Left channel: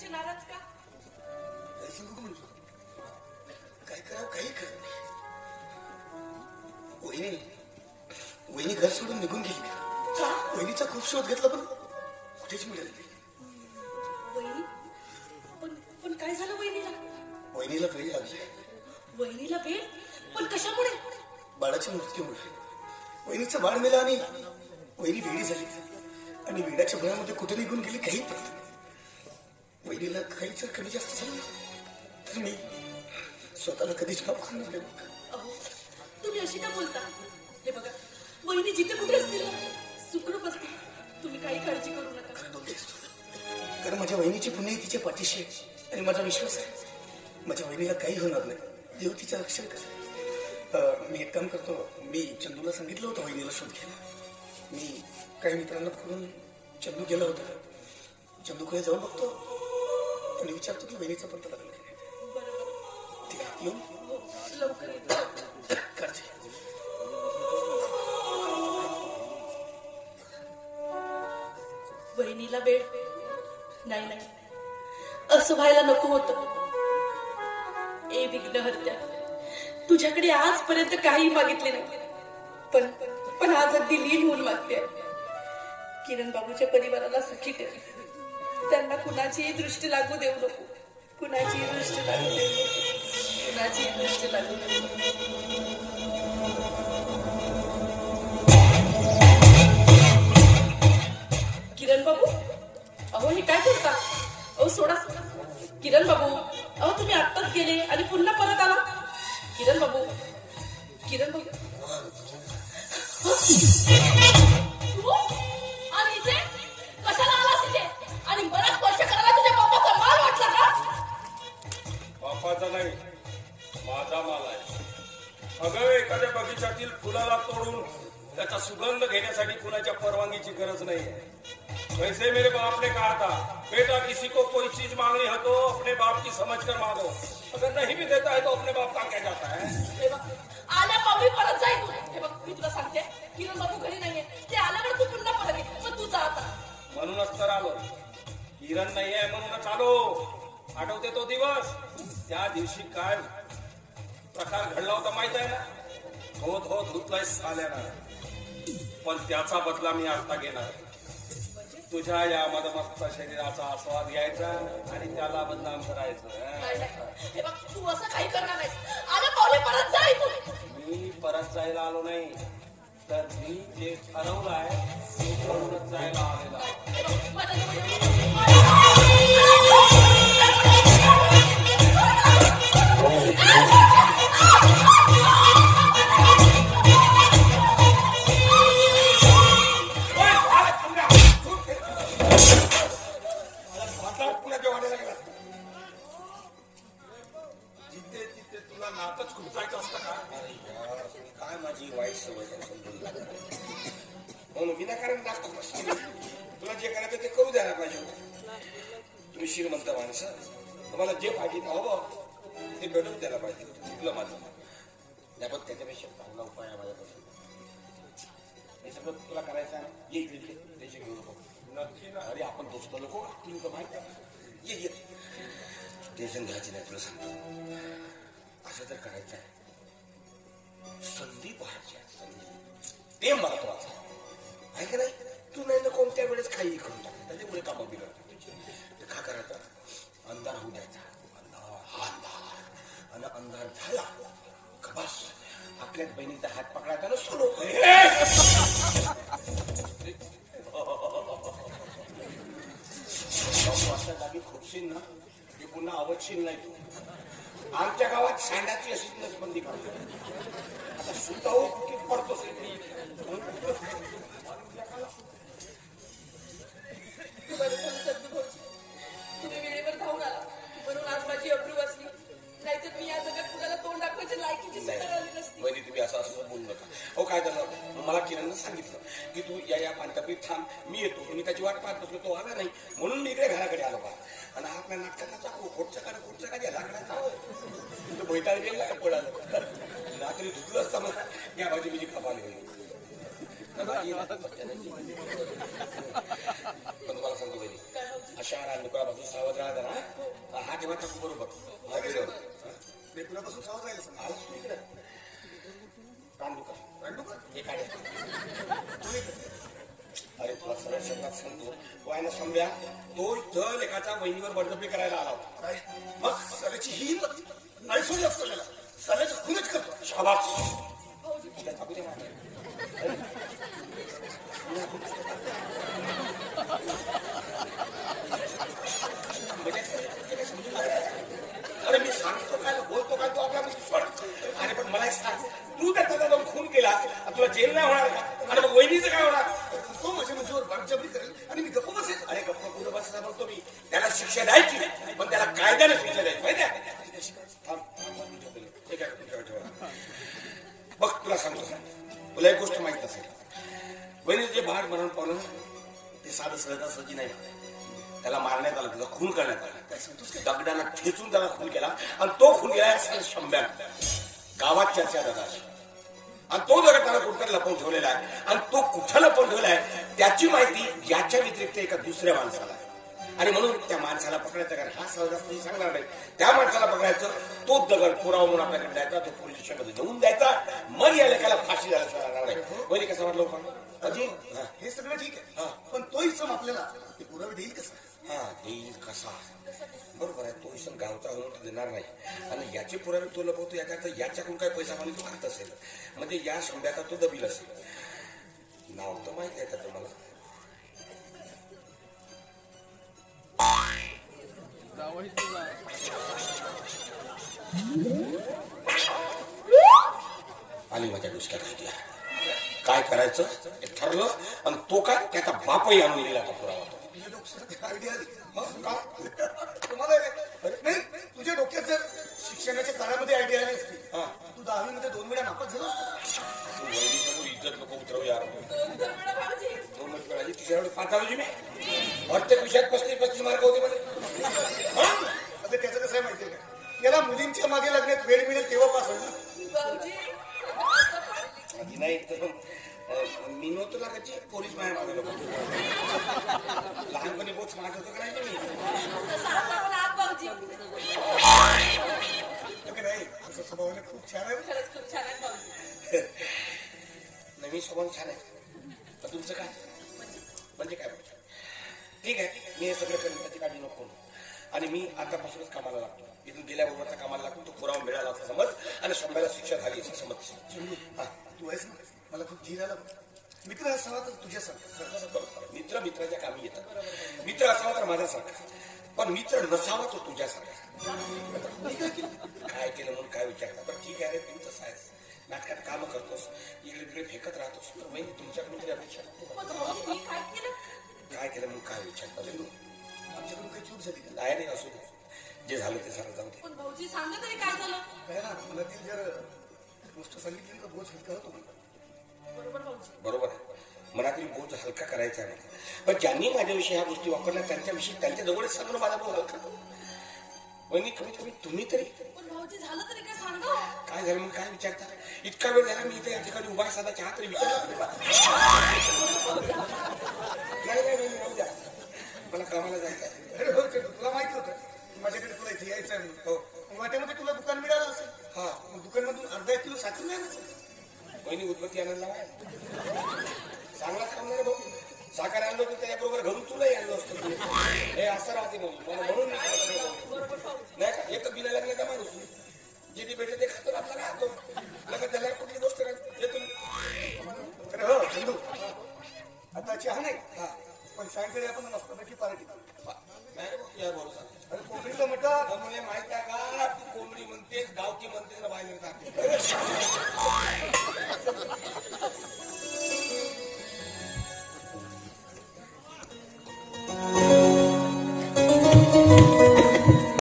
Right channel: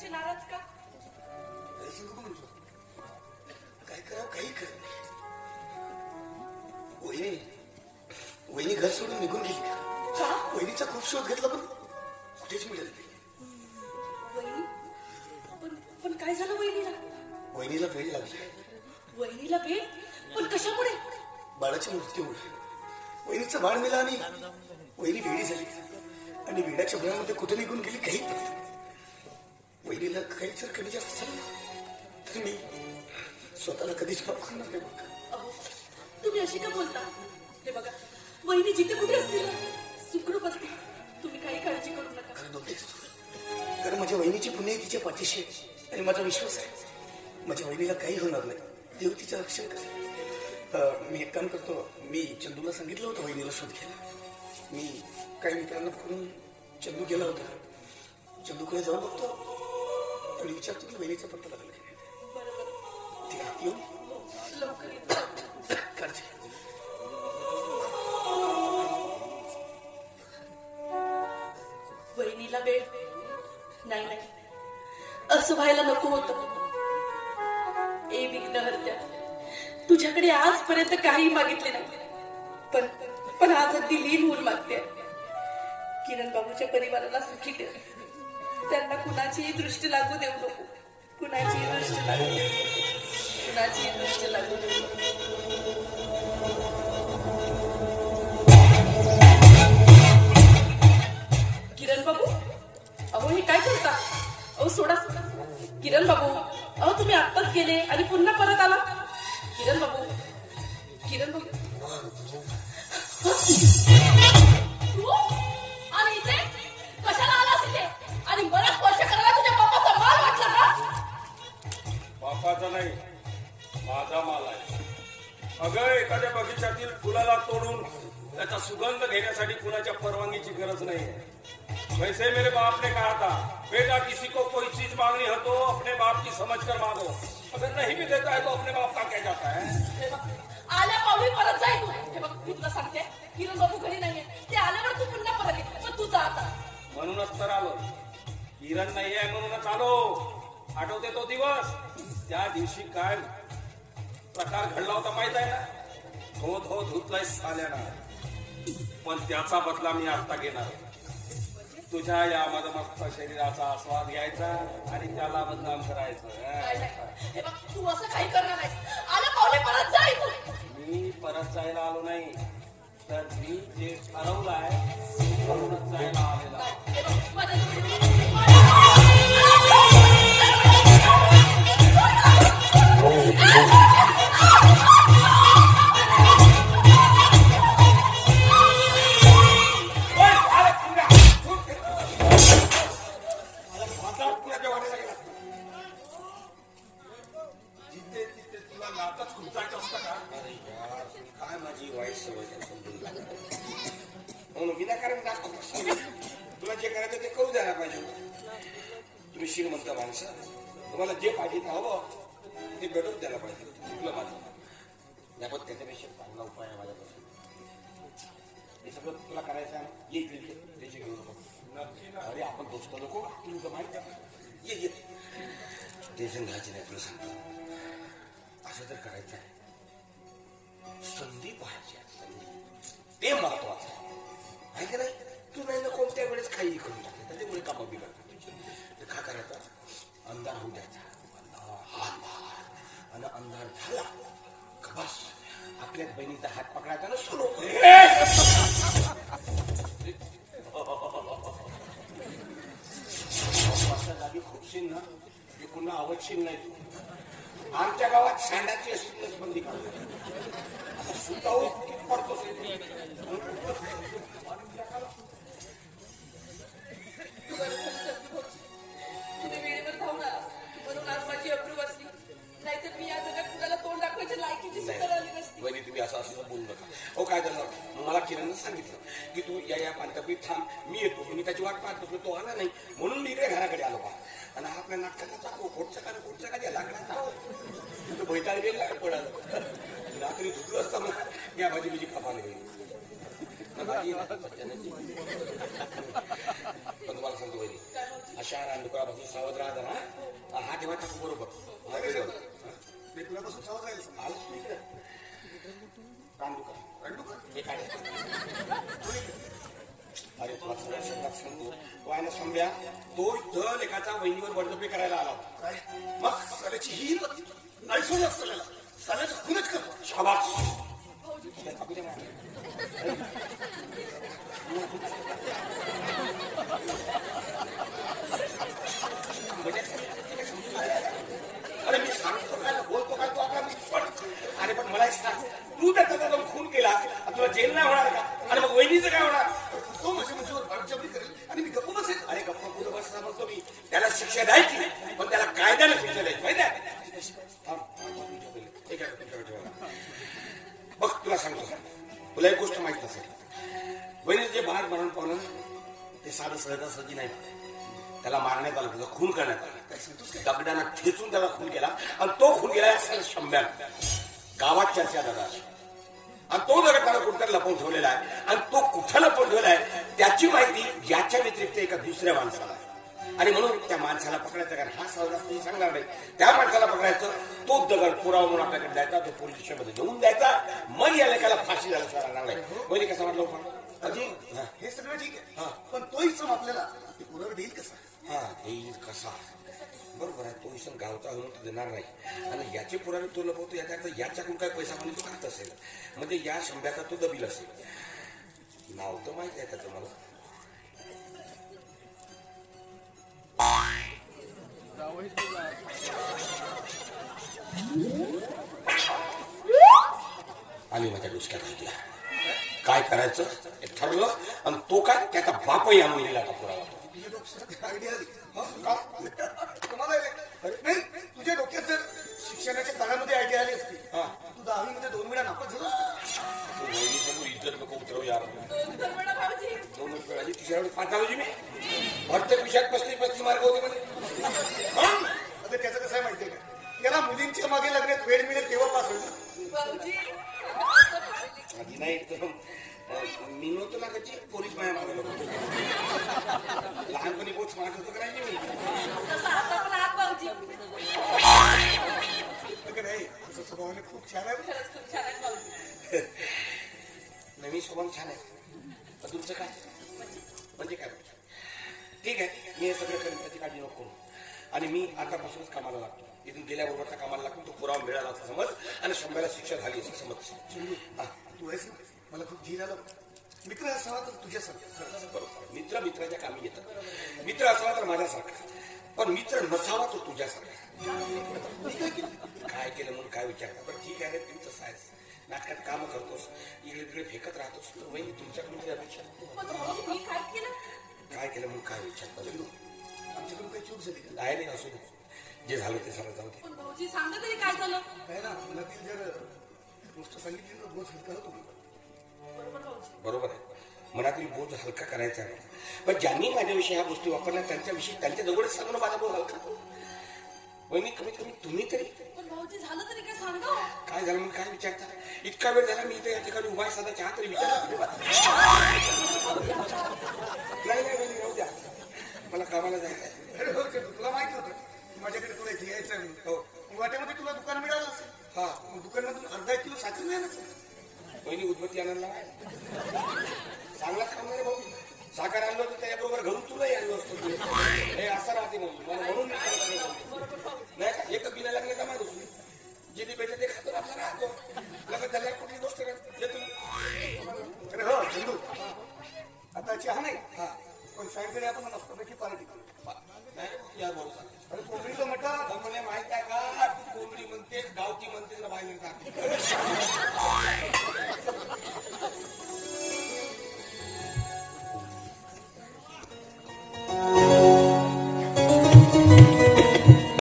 असे नाराज का? काय करा काही कर. वहिनी वहिनी घर सोडून निघून गेली का? वहिनीचा खूप शोध घेतला पण कुठेच मिळत नाही. वहिनी पण काय झालं वहिनीला? वहिनीला वेळ लागली. वहिनीला वेळ? पण कशामुळे? बाळाच्या मृत्यूमुळे. वहिनीचं बाळ मेलं आणि वहिनी वेळी झाली आणि वेळाच्या भरामध्ये कुठे निघून गेली काही पडत. वहिनीला काही जर कमी जास्त झालं तर मी स्वतःला कधीच माफ करणार नाही. तुम्ही अशी का बोलता? हे बघा, वहिनी जिथे कुठे असतील सुखरूप असतील. तुम्ही काही काळजी करू नका. कारण माझ्या वहिनीची पुण्य तिच्या पाठीशी आणि माझा विश्वास आहे माझ्या वहिनीला काही होणार नाही. देव तिच्या रक्षण करेल. मी एक काम करतो. मी चंदूला सांगितलं होतं वहिनीला शोध घ्यायला. मी काही मित्रांना करून चंदू गेला होता. चंदूकडे जाऊन बघतो आणि विचारतो की वहिनीचा पत्ता लागला. काळजी. वहिनीला वेळ नाही नाही असं व्हायला नको होतं. ए विघ्नहर्त्या, तुझ्याकडे आजपर्यंत काही मागितले नाही पण आज अगदी लीन होऊन मागते. किरण बाबूच्या परिवाराला सुखी ठेव. त्यांना कुणाचीही दृष्टी लागू देऊ नको. कुणाचीही दृष्टी लागू देऊ नको. कुणाचीही दृष्टी लागू देऊ नको. किरण बाबू, अहो हे काय करता? अहो सोडा. किरण बाबू, अहो तुम्ही आत्ताच गेले आणि पुन्हा परत आला. किरण बाबू, किरण बाबू. आणि इथे कशाला आलास इथे? आणि बराच वर्ष करायला तुझ्या बापाचा माल वाटला का? बापाचा नाही, माझा माल आहे. अगं, एखाद्या बगीच्यातील फुलाला तोडून त्याचा सुगंध घेण्यासाठी फुलाच्या परवानगीची गरज नाही. पैसे मेरे बाप ने कहा था, बेटा किसी को कोई चीज मांगनी हो तो अपने बाप की समझ कर मांगो. अगर नहीं भी देता है तो अपने बाप का क्या जाता है. आल्या पावली परत जाय तू. हे बघ, मी तुला सांगते, किरण बाबू घरी नाहीये. ते आल्यावर तू पुन्हा परत ये. पण तू जा आता. म्हणूनच तर आलो. किरण नाही आहे म्हणूनच आलो. आठवते तो दिवस? त्या दिवशी काय प्रकार घडला होता माहित आहे ना? हो धुतलाय साल्याला. पण त्याचा बदला मी आता घेणार. तुझ्या या मदमस्त शरीराचा आस्वाद घ्यायचा आणि त्याला बदनाम करायचं. हे बघ, तू असं काही करणार नाही. आल्या पावली परत जाय तू. मी परत जायला आलो नाही, तर मी जे ठरवलं आहे ते करूनच जायला आलेला. विनाकारण जास्त प्रश्न. तुला जे करायचं ते करू द्यायला पाहिजे. तुम्ही श्रीमंत माणसं, तुम्हाला जे पाहिजे हवं ते भेटून द्यायला पाहिजे. तुला माझं त्याच्यापेक्षा चांगला उपाय आहे माझ्यापासून. हे सगळं तुला करायचं आहे. ये इकडे त्याचे घेऊ नको. नक्की ना. अरे आपण दोस्त लोक तुला माहिती आहे. ये टेन्शन घ्यायची नाही. तुला सांगतो असं तर करायचं आहे. संधी पाहिजे. ते महत्वाचं आहे का नाही? तू नाही तर कोणत्या वेळेस काही करून टाकते. त्याच्यामुळे कामं बिघडतात. का करायचा? अंधार होऊ द्यायचा. आणि अंधार झाला का बस आपल्या बहिणीचा हात पकडायचा ना सुरू. जागी खुपशील ना ते पुन्हा आवडशील नाही. तू आमच्या गावात सांडाची अशी नसबंदी करतो. सुतावर किती पडतो. तुम्ही वेळेवर धावून आला म्हणून आज माझी अब्रू वाचली. नाहीतर मी या जगात कुणाला तोंड दाखवायच्या लायकीची सुद्धा आली नसती. वहिनी तुम्ही असं बोलू नका. हो काय झालं? मला किरणनं सांगितलं की तू या पांढरपीठ थांब, मी येतो. मी त्याची वाट पाहत बसलो. तो आला नाही म्हणून मी इकडे घराकडे आलो बा. आणि आपल्या नाटकाचा चाकू कोटचा का त्या लाकडाचा बैठाला गेला पडाल. रात्री झुकलं असता मग या भाजी बिजी खपाने गेली. पण मला सांगतो वहिनी, अशा दुकानापासून सावध राहता ना. सांगतो वायना समजा तो जर एखादा वहिनीवर बडजबरी करायला आला होता. काय मग साल्याची ही आयसोच असतं साल्याचं खूनच करतो. शाबास. अरे मी सांगतो काय बोलतो काय तो आपल्याला सोड. अरे पण मला सांग तू त्याचा जाऊन खून केला तुला जेल नाही होणार का? आणि मग वहिनीचं काय होणार? तो माझ्या मुलीवर बळजबरी करेल आणि मी गप्प बसेल. अरे गप्प कुठं बसला बघतो मी. त्याला शिक्षा द्यायची पण त्याला कायद्याने शिक्षा द्यायची माहिती आहे. बघ तुला सांगतो तुला एक गोष्ट माहित नसेल वहिनीचं जे भाग मरण पावलं ते साधं सहजासहजी नाही. त्याला मारण्यात आलं त्याचा खून करण्यात आला. दगडानं ठेचून त्याला खून केला आणि तो खून केला शंभ्या गावात चर्चा दादा. आणि तो जरा त्याला कुठं लपवून ठेवलेला आहे आणि तो कुठं लपवून ठेवलेला आहे त्याची माहिती याच्या व्यतिरिक्त एका दुसऱ्या माणसाला. आणि म्हणून त्या माणसाला पकडायचं कारण हा सहजासहजी सांगणार नाही. त्या माणसाला पकडायचं तो दगड पुरावा म्हणून आपल्याकडे द्यायचा तो पोलीस स्टेशनमध्ये घेऊन द्यायचा मग या लेखाला फाशी द्यायला सांगणार नाही. वहिनी कसं वाटलं अजी हे सगळं ठीक आहे पण तो इसम आपल्याला पुरावे देईल कसा? हा देईल कसा बरोबर आहे. तो इसम गावचा होऊन देणार नाही आणि याचे पुरावे तो लपवतो याच्याकडून काय पैसा म्हणून तो खात असेल म्हणजे या शंभ्याचा तो दबील असेल. नाव तर माहिती आहे त्याचं मला. आणि माझ्या डोसक्यात घेतला काय करायचं हे ठरलं आणि तो काय त्याचा बापही आणून दिला का पुरावा. नाही तुझ्या डोक्यात जर शिक्षणाच्या काळामध्ये आयडिया आली असती तू 10वी मध्ये 2 वेळा नापास झाला असता. इज्जत नको उतरव यार. 2 वेळा तिसऱ्या वेळी पास झालो मी. प्रत्येक विषयात 35 मार्क होते म्हणजे. आता त्याचं कसं आहे माहितीये का याला मुलींच्या मागे लागण्यात वेळ मिळेल तेव्हा पास होईल. आधी नाही तर मी नव्हतं ना त्याची पोलीस बाहेर लावलं. लहानपणी बहुत स्मार्ट होतं करायचे मी. नाही तुझं स्वभावाने खूप छान आहे. नवीन स्वभाव छान आहे पण तुमचं काय म्हणजे काय ठीक आहे. मी हे सगळं करेन त्याची काळजी नको आणि मी आतापासूनच कामाला लागतो. इथून गेल्याबरोबर कामाला लागतो तो पुरावा मिळाला असं समज आणि शंभराला शिक्षा झाली असं समज. तू आहेस ना मला खूप धीर आला. मित्र असावा तर तुझ्यासारखा. मित्र मित्राच्या कामी येतात. मित्र असावा तर माझ्यासारखा पण मित्र नसावा तो तुझ्यासारखा. काय केलं म्हणून काय विचारता पण ठीक आहे रे तू तसं आहेस. नाटकात काम करतोस इकडे तिकडे फेकत राहतोस वहिनी तुमच्याकडून ती अपेक्षा काय केलं म्हणून काय विचारता. आमच्याकडून काही चूक झाली डायरेक्ट असू दे जे झालं ते सगळं जाऊ दे. काय ना मनातील जर गोष्ट सांगितली तर बोज हलका होतो. बरोबर आहे मनातील बोध हलका करायचा नाही पण ज्यांनी माझ्याविषयी ह्या गोष्टी वापरल्या त्यांच्याविषयी त्यांच्या जवळच सांगणं माझा बोध हलका. वहिनी कमीत कमी तुम्ही तरी काय झालं म्हणून काय विचारता. इतका वेळ झाला मी इथे या ठिकाणी उभा साधा चहा तरी विचार. मला कामाला जायचं आहे. अरे हो तुला माहिती होतं माझ्याकडे तुला इथे यायचं आहे. हो वाट्यामध्ये तुला दुकान मिळालं असेल. हा दुकानमधून अर्धा किलो साखर मिळालं. वहिनी उदबत्ती आणायला चांगला काम नाही भाऊ. साखर आणलं होतं त्याच्याबरोबर घेऊन तुला आणलं असतं. हे असं राहते मला म्हणून नाही का एक बिना लागलं का नाही जिथे भेटे ते खातो आपलं राहतो लग्न झाल्या कुठली गोष्ट हो चंदू आता चहा नाही पण सायंकाळी आपण मस्तपैकी पार्टी नाही या बरोबर. अरे कोकणीचं म्हटलं मला माहित आहे का कोंबडी म्हणते गावची म्हणते बाहेर